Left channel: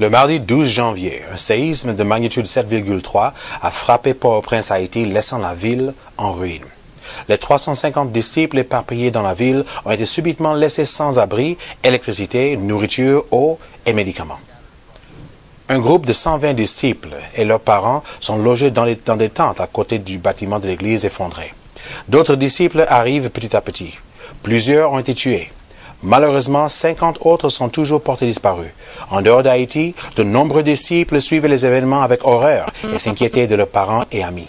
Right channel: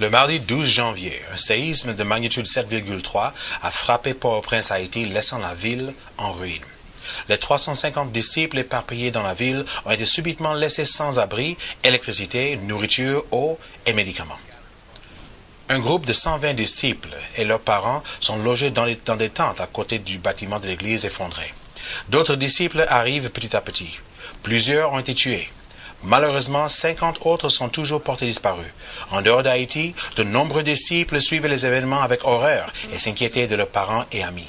Le mardi 12 janvier, un séisme de magnitude 7,3 a frappé Port-au-Prince, Haïti, laissant la ville en ruine. Les 350 disciples éparpillés dans la ville ont été subitement laissés sans abri, électricité, nourriture, eau et médicaments. Un groupe de 120 disciples et leurs parents sont logés dans des tentes à côté du bâtiment de l'église effondré. D'autres disciples arrivent petit à petit. Plusieurs ont été tués. Malheureusement, 50 autres sont toujours portés disparus. En dehors d'Haïti, de nombreux disciples suivaient les événements avec horreur et s'inquiétaient de leurs parents et amis.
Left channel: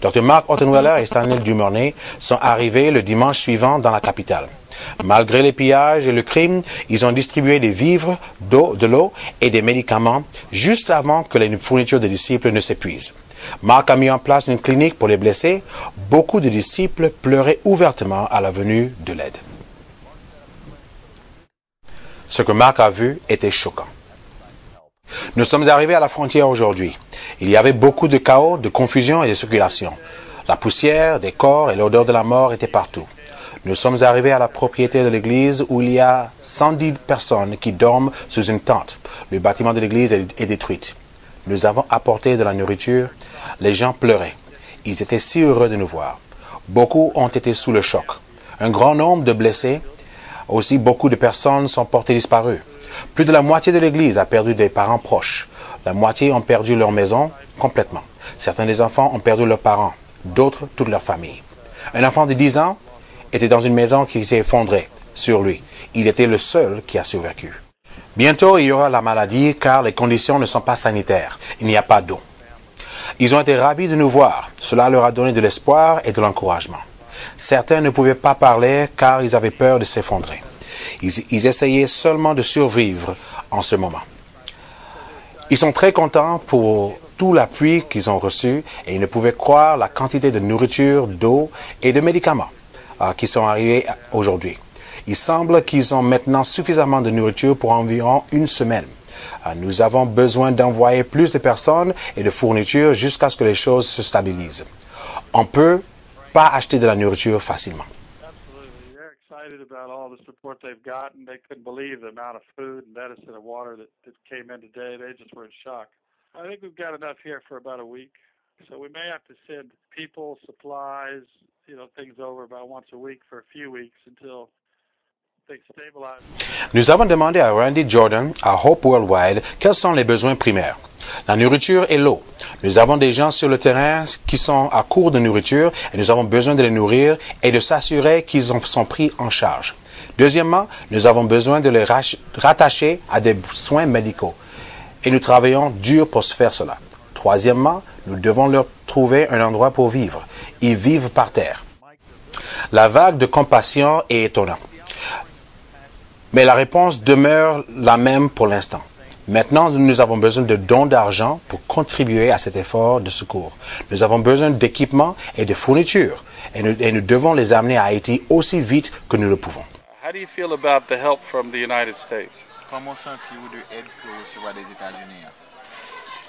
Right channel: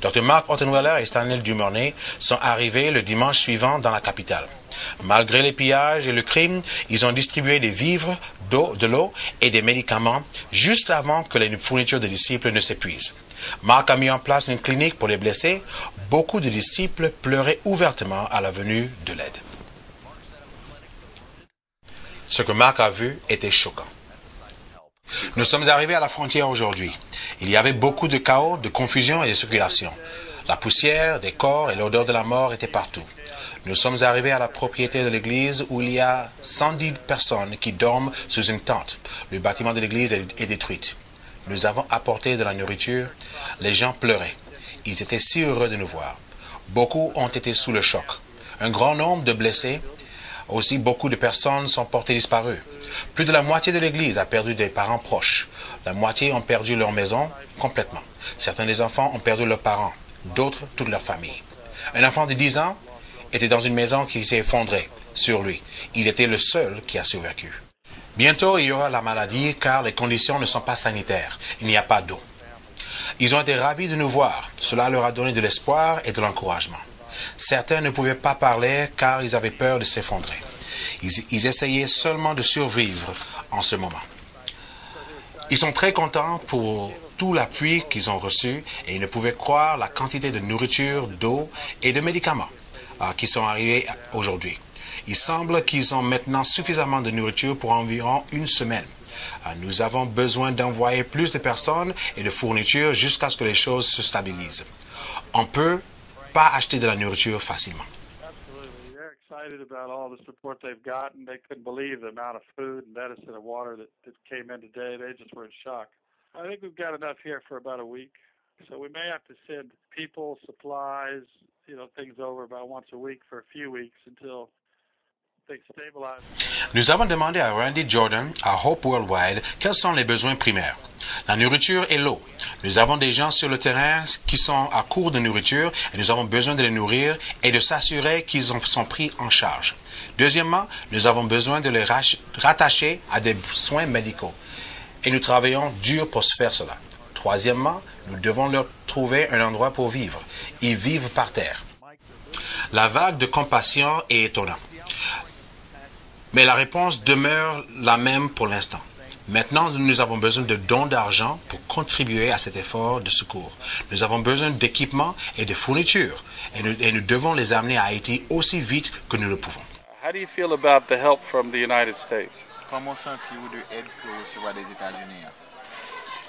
Dr. Mark Ottenweller et Stanley Dumornay sont arrivés le dimanche suivant dans la capitale. Malgré les pillages et le crime, ils ont distribué des vivres, de l'eau et des médicaments juste avant que les fournitures des disciples ne s'épuisent. Mark a mis en place une clinique pour les blessés. Beaucoup de disciples pleuraient ouvertement à la venue de l'aide. Ce que Mark a vu était choquant. Nous sommes arrivés à la frontière aujourd'hui. Il y avait beaucoup de chaos, de confusion et de circulation. La poussière, des corps et l'odeur de la mort étaient partout. Nous sommes arrivés à la propriété de l'église où il y a 110 personnes qui dorment sous une tente. Le bâtiment de l'église est détruit. Nous avons apporté de la nourriture. Les gens pleuraient. Ils étaient si heureux de nous voir. Beaucoup ont été sous le choc. Un grand nombre de blessés. Aussi, beaucoup de personnes sont portées disparues. Plus de la moitié de l'Église a perdu des parents proches. La moitié ont perdu leur maison complètement. Certains des enfants ont perdu leurs parents, d'autres toute leur famille. Un enfant de 10 ans était dans une maison qui s'est effondrée sur lui. Il était le seul qui a survécu. Bientôt, il y aura la maladie car les conditions ne sont pas sanitaires. Il n'y a pas d'eau. Ils ont été ravis de nous voir. Cela leur a donné de l'espoir et de l'encouragement. Certains ne pouvaient pas parler car ils avaient peur de s'effondrer. Ils essayaient seulement de survivre en ce moment. Ils sont très contents pour tout l'appui qu'ils ont reçu et ils ne pouvaient croire la quantité de nourriture, d'eau et de médicaments qui sont arrivés aujourd'hui. Il semble qu'ils ont maintenant suffisamment de nourriture pour environ une semaine. Nous avons besoin d'envoyer plus de personnes et de fournitures jusqu'à ce que les choses se stabilisent. On peut pas acheter de la nourriture facilement. Absolutely. They're excited about all the support they've gotten. They couldn't believe the amount of food and medicine and water that came in today. They just were in shock. I think we've got enough here for about a week. So we may have to send people, supplies, things over about once a week for a few weeks until things stabilize. Nous avons demandé à Randy Jordan, à Hope Worldwide, quels sont les besoins primaires. La nourriture et l'eau. Nous avons des gens sur le terrain qui sont à court de nourriture et nous avons besoin de les nourrir et de s'assurer qu'ils sont pris en charge. Deuxièmement, nous avons besoin de les rattacher à des soins médicaux et nous travaillons dur pour se faire cela. Troisièmement, nous devons leur trouver un endroit pour vivre. Ils vivent par terre. La vague de compassion est étonnante. Mais la réponse demeure la même pour l'instant. Maintenant, nous avons besoin de dons d'argent pour contribuer à cet effort de secours. Nous avons besoin d'équipements et de fournitures et nous devons les amener à Haïti aussi vite que nous le pouvons. How do you feel about the help from the United States? Comment sentez-vous de l'aide que vous recevez des États-Unis?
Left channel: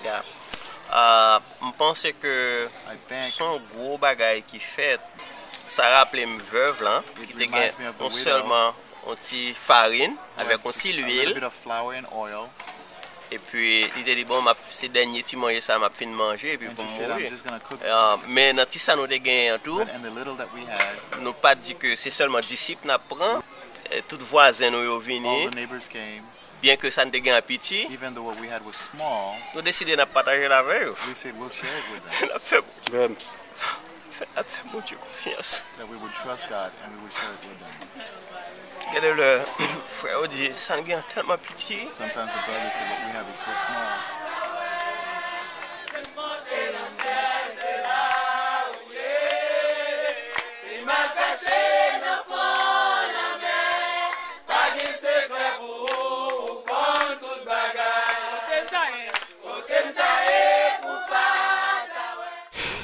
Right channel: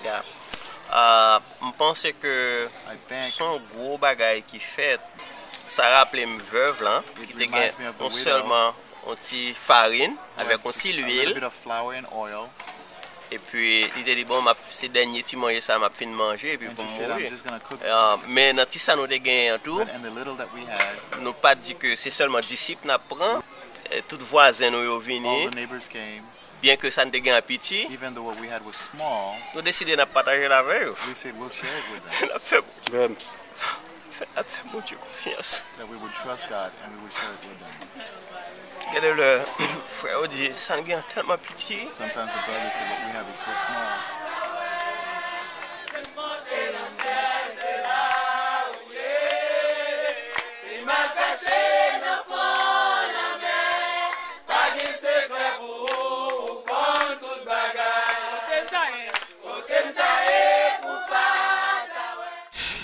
Je pense que son gros bagage qui fait, ça rappelle une veuve là, qui te gagne non seulement un petit farine avec un petit huile. Et puis, il dit, bon, ces derniers petits manger ça, m'a fini de manger, et puis pour mourir. Mais dans tout ça, nous avons gagné en tout. Nous pas dit que c'est seulement disciples nous prend. Tous voisins nous venus. Bien que ça ne gagné un petit, nous décidons de partager la veille. Nous fait mon Dieu confiance. Quel est le frère dit, ça ne gagne tellement petit. Sometimes the brother said what we have is so small.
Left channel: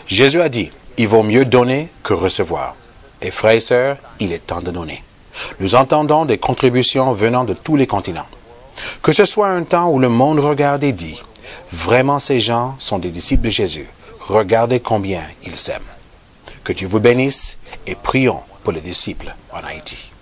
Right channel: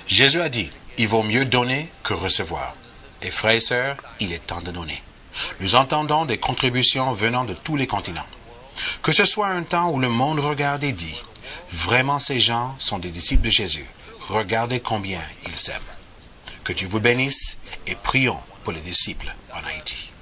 Jésus a dit, il vaut mieux donner que recevoir. Et frères et sœurs, il est temps de donner. Nous entendons des contributions venant de tous les continents. Que ce soit un temps où le monde regarde et dit, vraiment ces gens sont des disciples de Jésus. Regardez combien ils s'aiment. Que Dieu vous bénisse et prions pour les disciples en Haïti.